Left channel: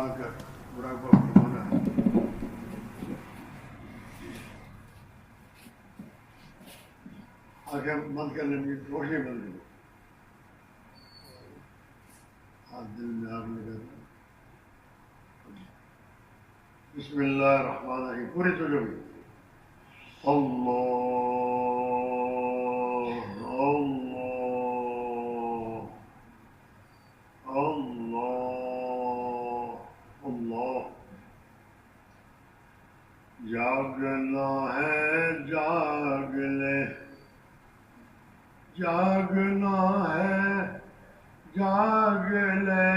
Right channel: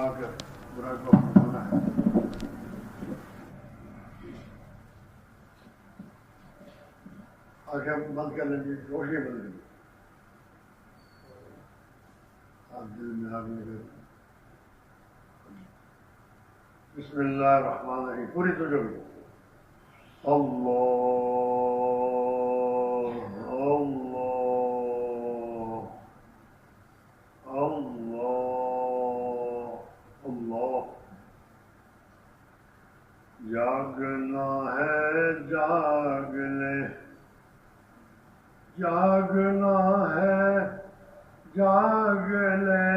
فرما کر مراقبہ فرمانا ہے۔ آنکھیں بند کر لیں گے، روشنی بند کر لیں، دل میں آگ لگا۔ بسم اللہ الرحمن الرحیم، پوری توجہ بھی۔ اللہ اللہ اللہ اللہ۔ جاگنا ہے جاگ لے، جاگنا ہے جاگ لے،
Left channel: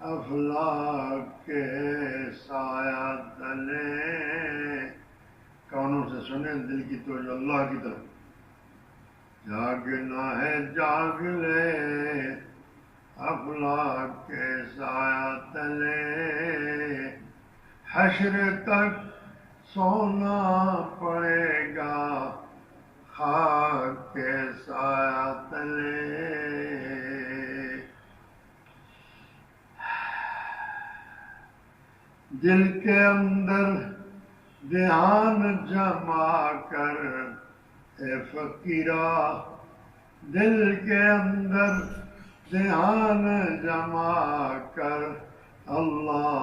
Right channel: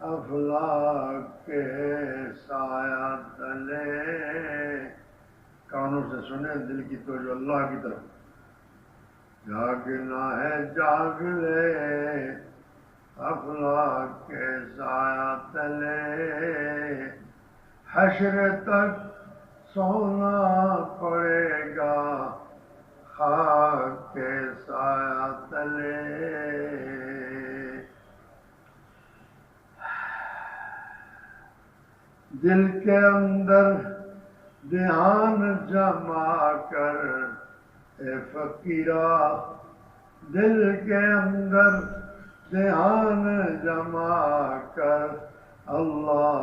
افلاک کے سایہ تلے۔ کانوں سے سنیں، دل کی توجہ اللہ کی طرف۔ جاگنا ہے جاگ لے، افلاک کے سایہ تلے، حشر تک سونا پڑے گا خاک کے سایہ تلے۔ دل کے اندر دھیان جما کر اے فقیرا، دل کے اندر دھیان جما کر اللہ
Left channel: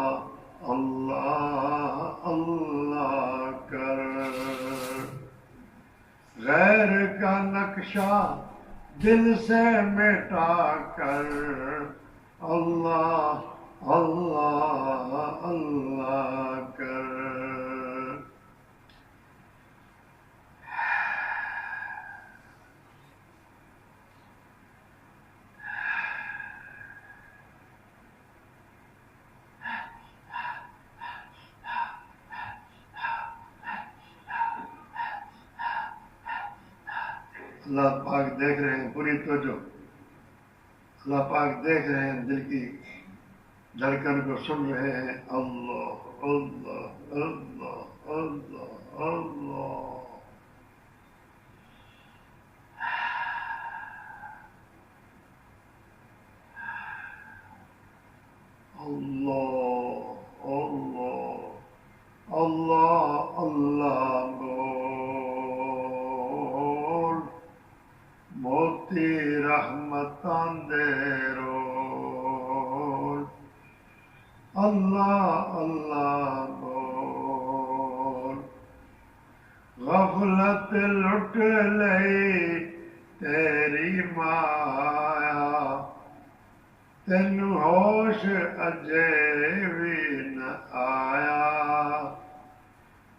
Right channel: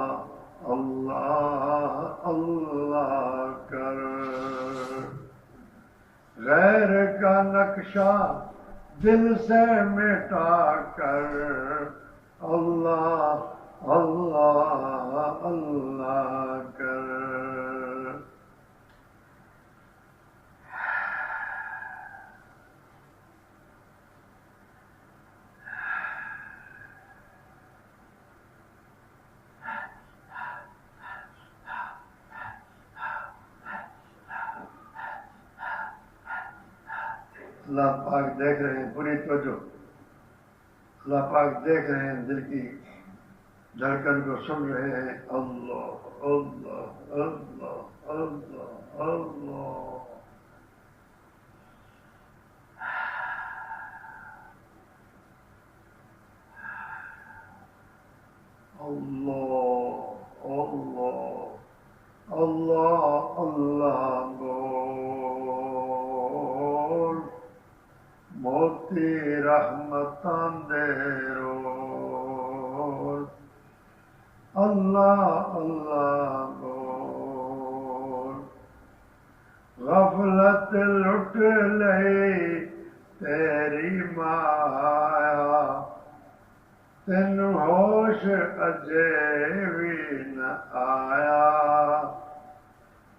اللہ اللہ کر۔ غیر کا نقشہ دل سے مٹا کر اللہ اللہ اللہ کر۔ اللہ پاک دیکھ رہے ہیں، پوری توجہ۔ اللہ پاک دیکھ رہے ہیں، دل کی دھڑکن کو سن رہے ہیں۔ اللہ اللہ اللہ اللہ اللہ۔ اللہ اللہ اللہ اللہ بول، موتی رحمتاں دے روز۔ اللہ اللہ بول، غفلت لٹ لئی تیری مایا، تین ہوش اجے بھی نہ آیا۔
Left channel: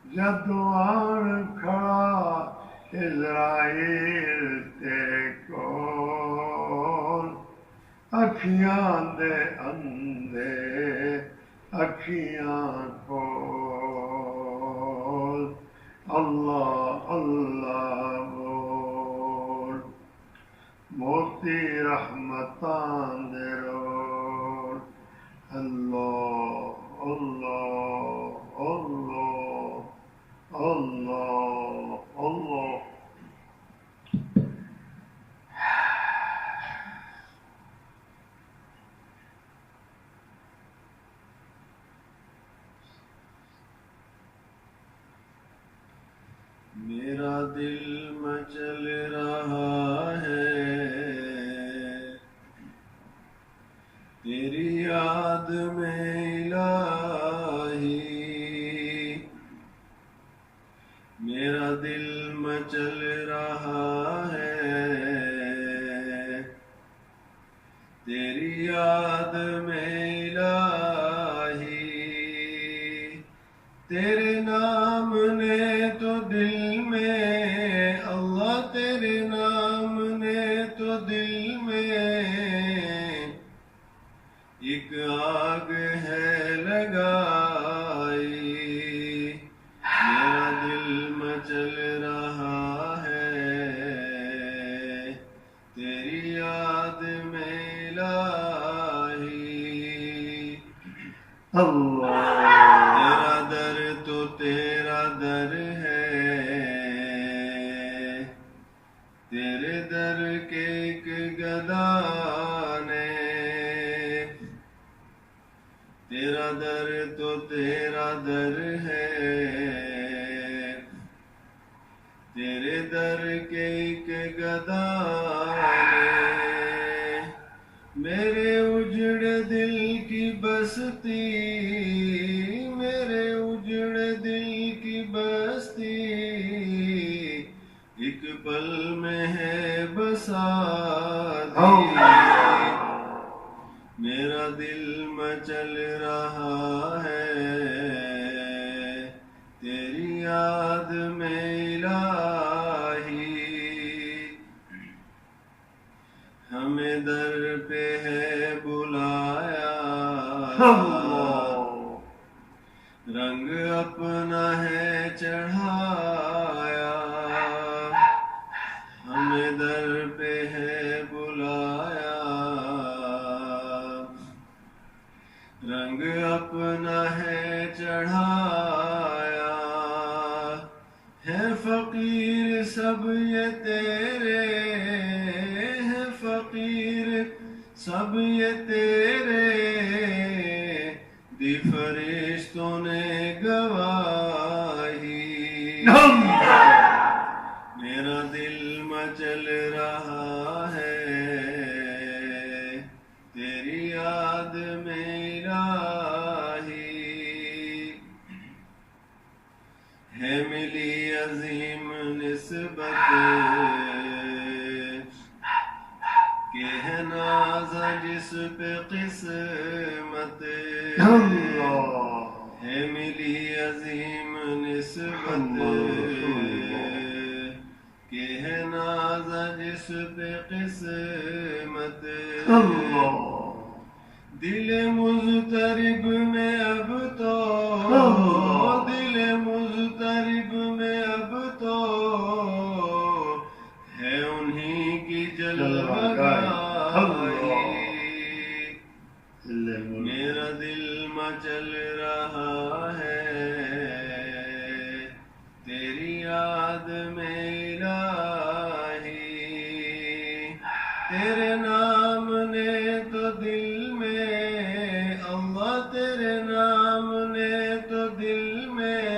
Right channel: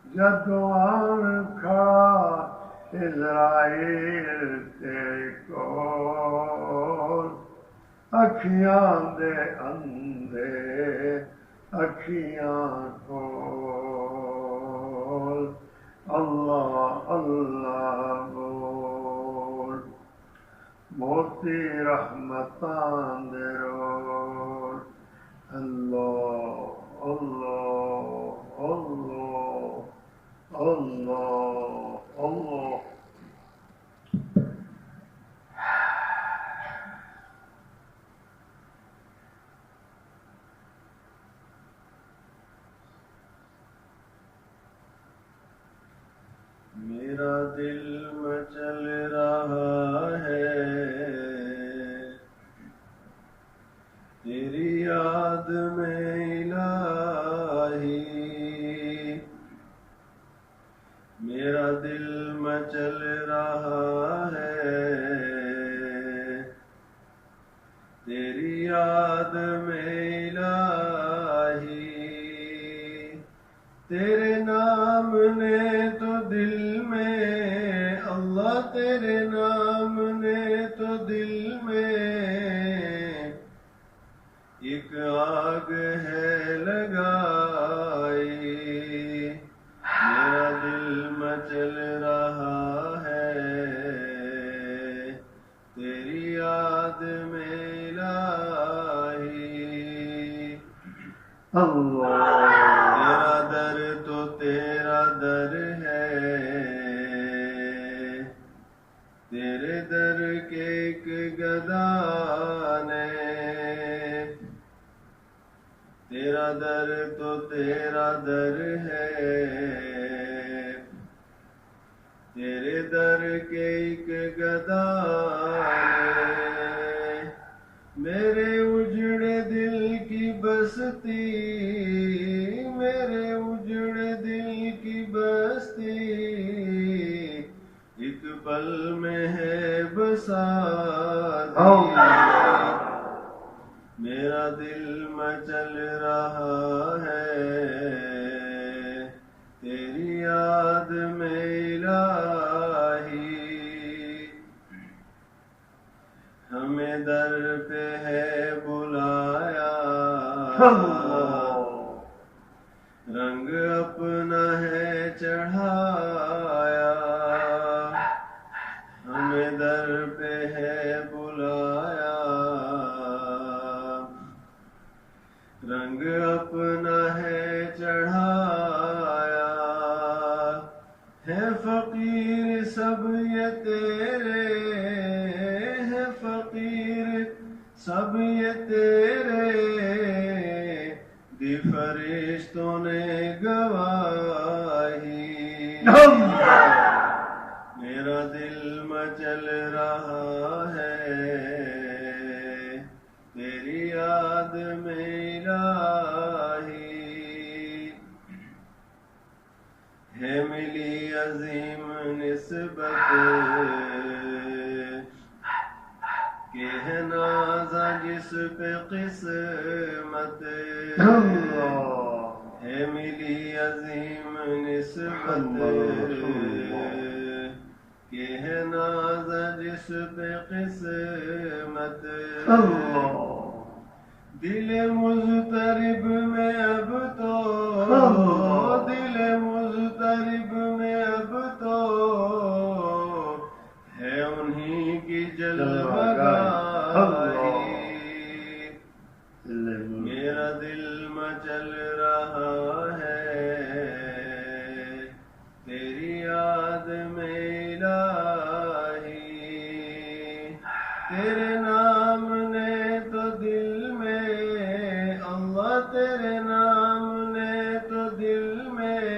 جدوں آن کھڑا اسرائیل تیرے کول، اکھیاں دے اندھے اکھیاں کھول۔ اللہ اللہ بول، موتی رحمتاں دے رول۔ اللہ اللہ اللہ اللہ اللہ۔ میرا دل مچل رہا ہے تیری یاد میں الہی، میرا دل مچل رہا ہے تیری یاد میں الہی۔ تیرے نام نے تو دل میں اللہ، تیرے نام نے تو دل میں ایک آگ ہے لگائی۔ میرا دل مچل رہا ہے تیری یاد میں الہی۔ اللہ تیرا در تو تیرا در ہے، تیرے در کے ایک گدا نے میرا در تو تیرا در ہے، تیرے در کے ایک گدارے، میرے اجڑے دل کی بستی، میرے اجڑے دل کی بستی، ایک پل میں ہے بساتی، میرا دل مچل رہا ہے تیری یاد میں الہی، ہمیں در پہ ہے بلایا، رنگ اپنا ہے چڑھایا، ہمیں در پہ ہے بلایا، رنگ اپنا ہے چڑھایا، ہے فقیر سب یہ تیرے، ہے فقیر سب یہ تیرے، دی فرشتوں نے گواہی، میرا دل مچل رہا ہے تیری یاد میں الہی، ہے ملی عظیم نسبت کہ ہے نازا جس پہ قسمت، ہے ملی عظیم نسبت کہ ہے نازا جس پہ قسمت، دل مضطرب میں اب تو، دل مضطرب میں اب تو ہے انہی کی جلوگاہی، میرا دل مچل رہا ہے تیری یاد میں الہی، تیرے نام نے تو دل میں اللہ، تیرے نام نے تو دل میں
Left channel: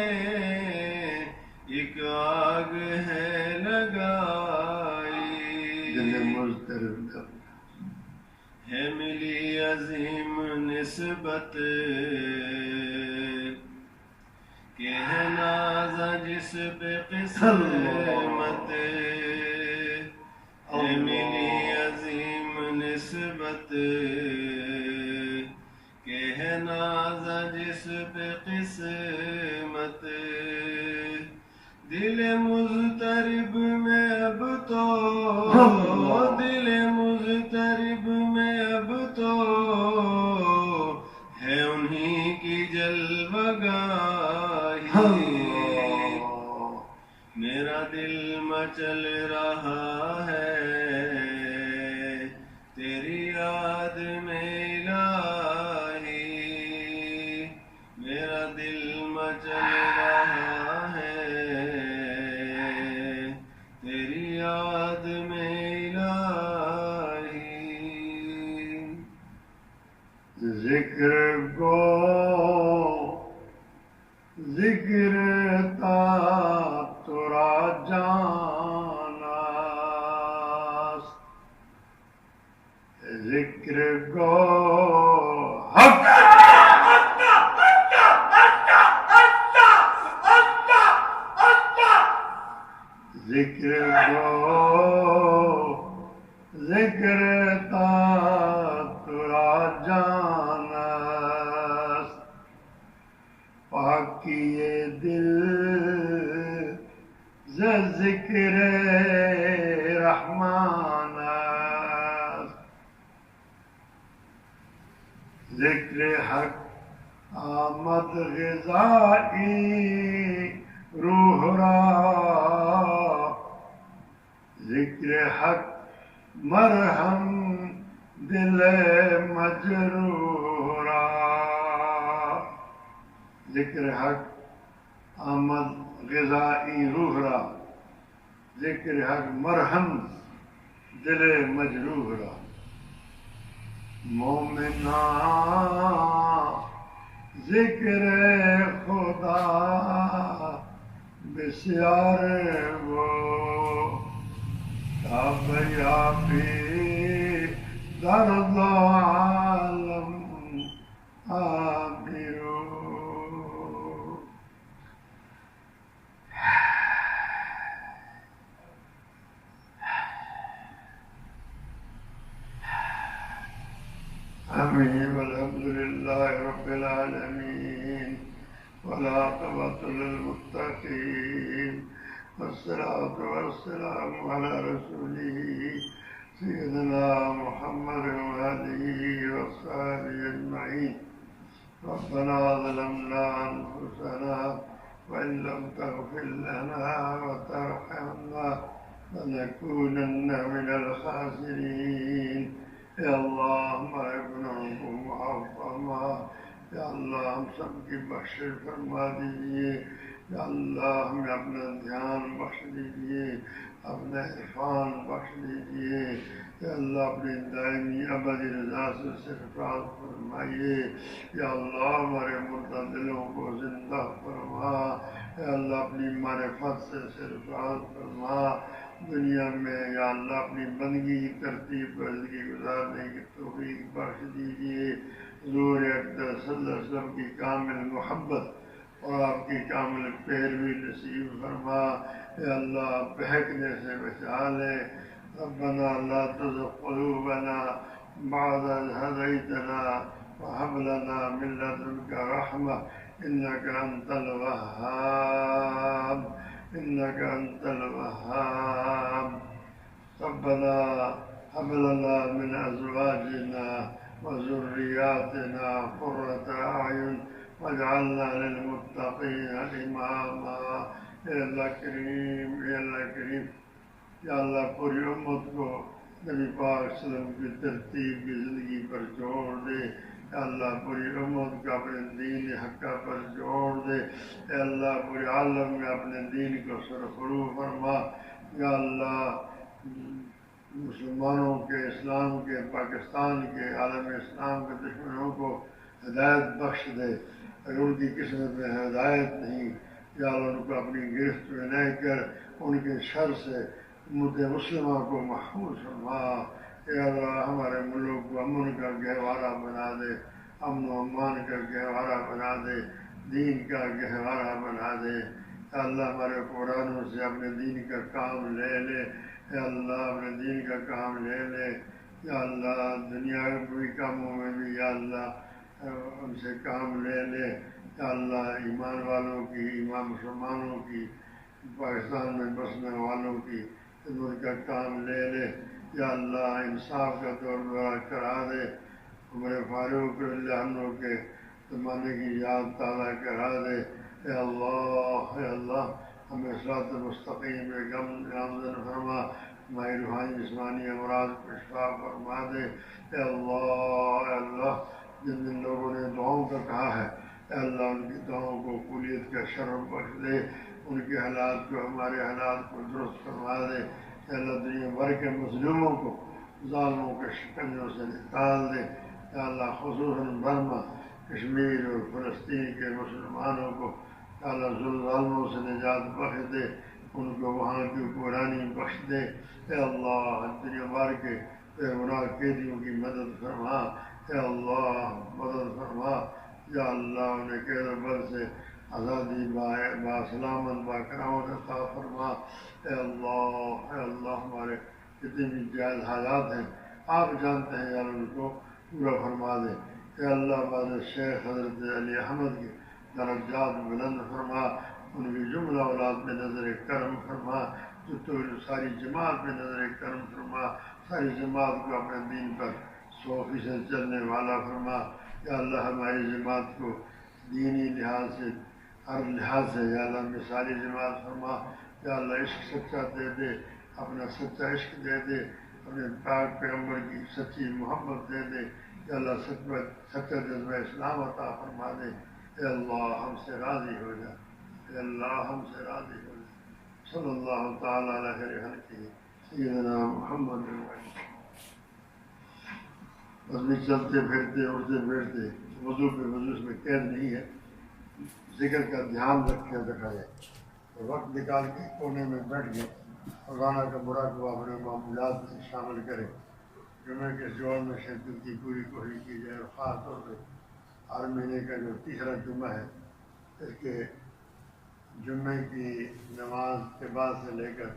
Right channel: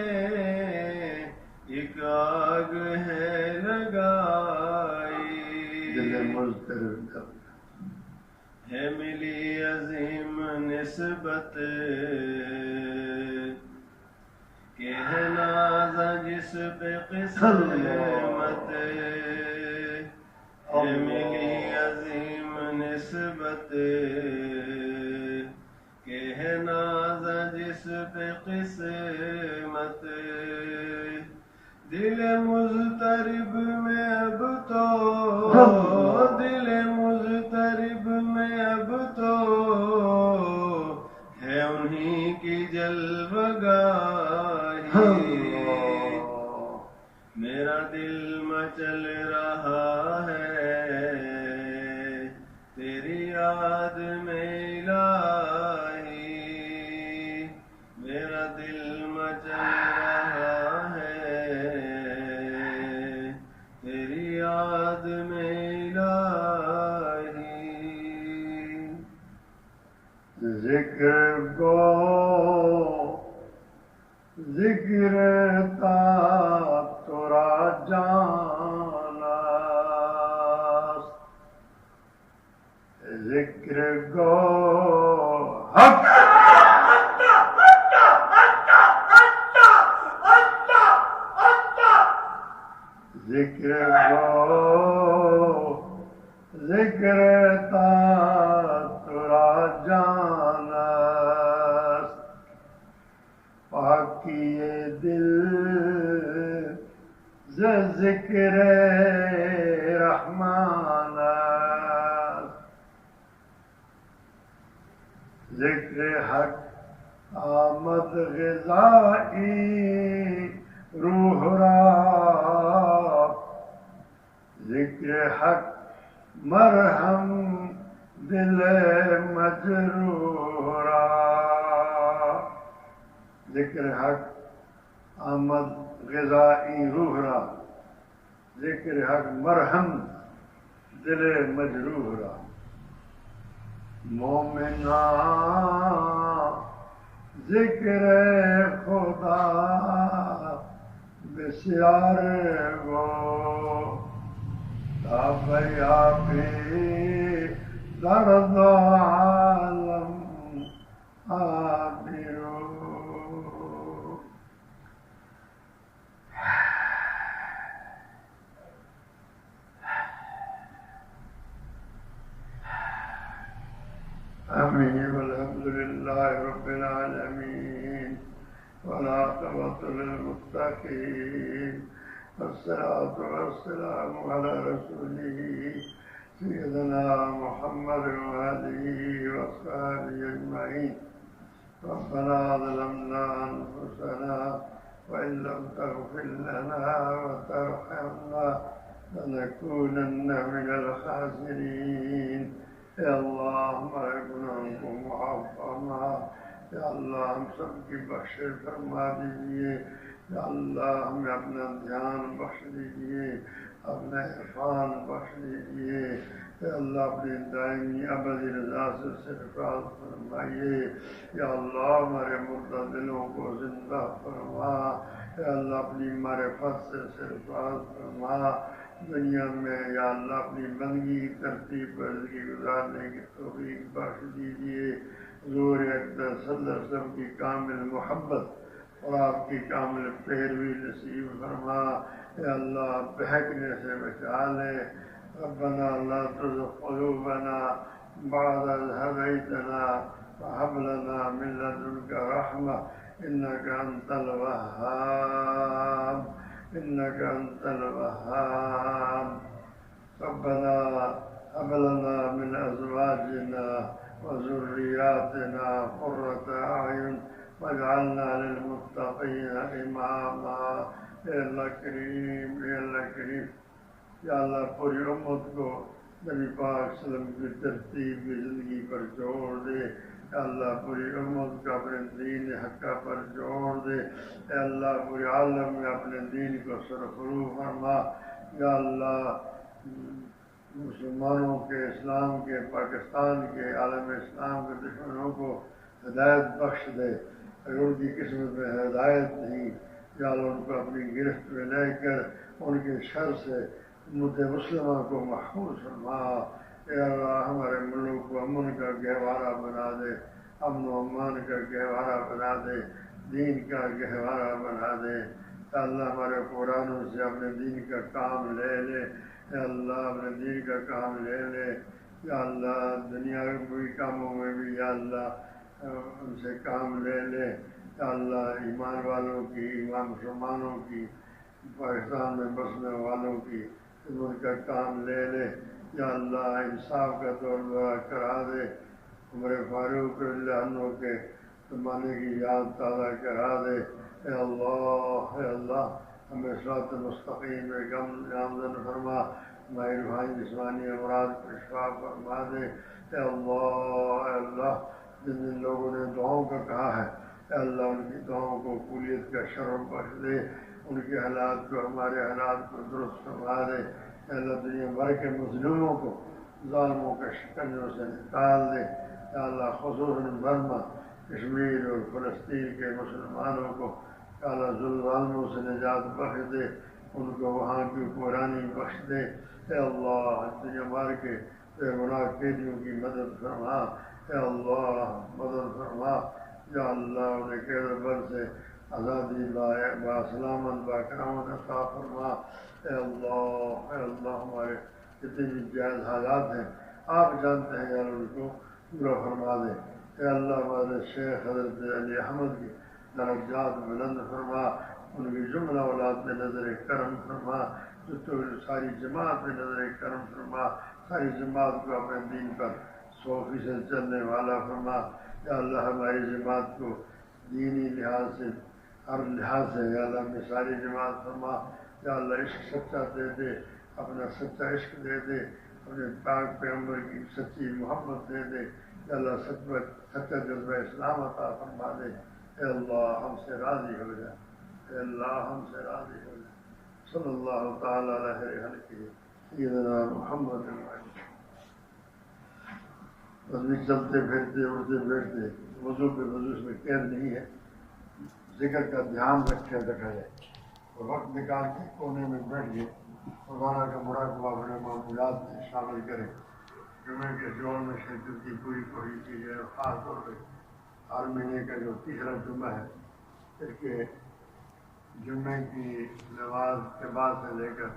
ایک آگ ہے لگائی، ہے ملی عظیم نسبت کہ ہے نازا جس پہ قسمت، ہے ملی عظیم نسبت کہ ہے نازا جس پہ قسمت، دل مضطرب میں اب تو، دل مضطرب میں اب تو ہے انہی کی جلوگاہی، میرا دل مچل رہا ہے تیری یاد میں الہی، میرا دل مچل رہا ہے تیری یاد میں الہی، ذکر کو ذکر تا ترا جاناست، ذکر کو حق ذکر کو ذکر تا ترا جاناست، پاکی دل ز ذکر رحمان است، ذکر حق آمد غذائی روح را، ذکر حق مرہم دل مجروح را، ذکر حق آمد غذائی روح را، ذکر حق مرہم دل مجروح را، مومنان ذکر خدا بسیار وہ تابیابی درد عالم آمیرو. آمین والحمد للہ رب العالمین والعاقبۃ للمتقین والصلاة والسلام على رسوله سيدنا محمد وآله وصحبه أجمعين. ربنا ظلمنا أنفسنا وإن لم تغفر لنا وترحمنا لنكونن من الخاسرين. اے اللہ ہمارے گناہوں کو معاف فرما. یا اللہ ہم سب کی بخشش فرما دیجیے. یا اللہ ہمیں اپنا دھیان بخش دیجیے, اپنا عرفان بخش دیجیے. یا اللہ اپنی دائمی ابدی رضا سے سرفراز فرمائیے. یا اللہ ہمارے مردہ دلوں کو زندہ فرما. یا اللہ اپنی معرفت سے سرفراز فرما. دنیا میں یا اللہ اپنی بندگی ترتیب پر زندگی گزارنے کی توفیق بخش دیجیے. حضور اقدس صلی اللہ علیہ وسلم کی کامل محبت اور آپ کی کامل پیروی نصیب فرما. اے اللہ بہکنے سے بچا لے. ربنا لا تزغ قلوبنا بعد إذ هديتنا وهب لنا من لدنك رحمة إنك أنت الوهاب إنك أنت الوهاب. ربنا هب لنا من أزواجنا وذرياتنا قرة أعين واجعلنا للمتقين إماما. اے اللہ کریم, اے اللہ کریم, یا اللہ پوری امت کو نبی پاک صلی اللہ علیہ وسلم کی ترتیب کی زندگی پر جوڑ دے. اے اللہ پوری امت کو اپنے دین حقہ پر جوڑ دے. اے اللہ پورے عالم میں اپنے دین کو سرخرو فرما. یا اللہ مسلمانوں کے, اسلام کے, پاکستان کے, عالم اسلام کے دشمنوں کو ہدایت بخش دے. اگر ان کی قسمت میں ہدایت نہیں, یا اللہ ان کو اپنی گرفت میں لے کر ان کے شر سے امت مسلمہ کو محفوظ فرما. اے اللہ ہمارے ملک کو امن کا گہوارہ بنا دے, امن و امان کا گہوارہ بنا دے, دین کا گہوارہ بنا دے. اے اللہ ہمارے قرآنوں سے اپنے دین کا کام لے لے. اے اللہ اپنے دین کا کام لے لے. یا اللہ دنیاوی کاموں میں بھی یا اللہ ان سے کام لے لے. یا اللہ ایمان والوں کی, ایمان مسلمانوں کی, پاکستان میں بسنے والوں کی ان کا کام لے لے. یا اللہ انصاف کا دور دورہ کرا دے. عمر فاروق رضی اللہ عنہ کے زمانے کی یاد تازہ کرا دے. اے اللہ ہمیں صراط مستقیم میں گامزن فرما. ہماری روحانی جسمانی امراض کو شفا فرما دے. اے اللہ جن جن لوگوں نے دعاؤں کا کہا ہے, اے اللہ ان کی دعاؤں کو قبولیت کا شرف بخش دے. ان کے حالات کو, ہمارے حالات کو درست فرما دے. اے اللہ دنیا بھر کے مظلوموں کو ظالموں کے شکنجوں سے نکال دے. اے اللہ خصوصاً برما, کشمیر اور فلسطین کے مسلمانوں کو اے اللہ ظالموں سے نجات بخش دے. ان کو وہاں کی حکمرانی بخش دے. اے اللہ دنیا بھر کے بے گناہ قیدیوں کی مدد فرما. اے اللہ مدد فرما. یا اللہ انہیں قید و بند سے آزادی باسلامت باکرامت عطا فرما. اے اللہ ہمارے جتنے بھی جائز حالات ہیں آپ جانتے ہیں, یا ان کو پورا فرما دے. اے اللہ ہمارے شیخ حضرت علی احمد کے درجات بلند فرما. ان کی جملہ اولاد میں نظر کرم فرما. جو تو ساری جماعت میں نظر کرم فرما. ساری جماعت کو اپنے دین پر 100% چلنے والا فرما. یا اللہ ہماری جماعت کو دینی لحاظ سے, ہر لحاظ سے یا اللہ مثالی جماعت فرما. یا اللہ عشق سچا دے دے, اپنا سچا عشق دے دے, اپنے پاک پیغمبر کی سچی محبت دے دے. یا اللہ سچا جذبہ اسلام عطا فرما دے. اے اللہ ہم سے راضی ہو جا. اے اللہ ہم سے راضی ہو جا. صلی اللہ تعالیٰ علیہ خلقہ سیدنا محمد. بس بھی چلتے پھرتے اڑتے بیٹھتے، وضو پہ وضو اس میں قید نہیں ہے، ذکر کا دھیان رکھا جائے اور وقت نکال کے کونے میں بیٹھ گئے مولانا کا مراقبہ اپنے معمولات میں شامل کریں، جمعے کے جوڑ میں شرکت کی پوری کوشش کی جائے، اور خاص طور پہ ہر مہینے کا جو تیسرا جمعہ ہے اس کے جمعے کی نماز کے بعد سے لے کر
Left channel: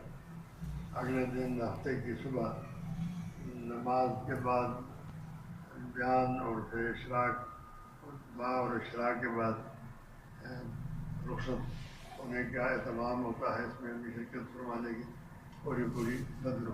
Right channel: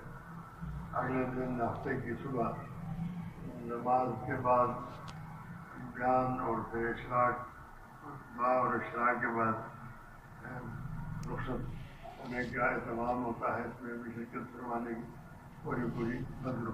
اگلے دن ہفتے کی صبح نماز کے بعد بیان اور پھر اشراق اور اشراق کے بعد رخصت ہونے کا اہتمام ہوتا ہے، اس میں بھی شرکت فرمانے کی پوری بندر